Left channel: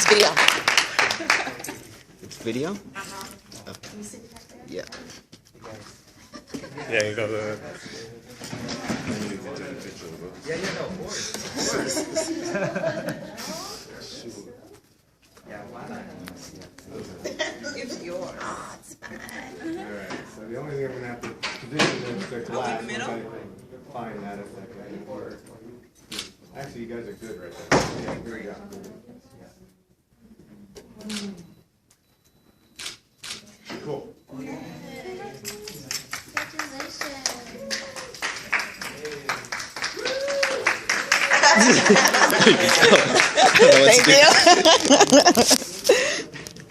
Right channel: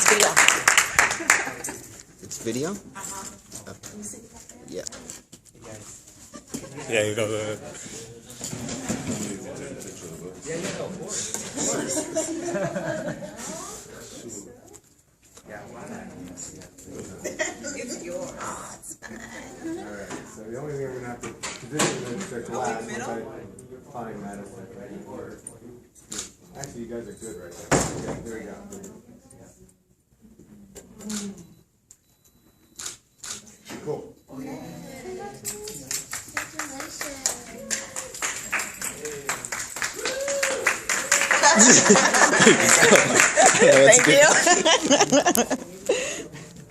It's video. It's video? Oh. Yeah. Yeah, you go. Yeah, no, of course. It's yours. Alright, so the only thing I'm gonna have to position is the glass once I find that a second. Actually, you guys are good right there. Yeah, here we go. Cool. I don't know what to do. Thank you.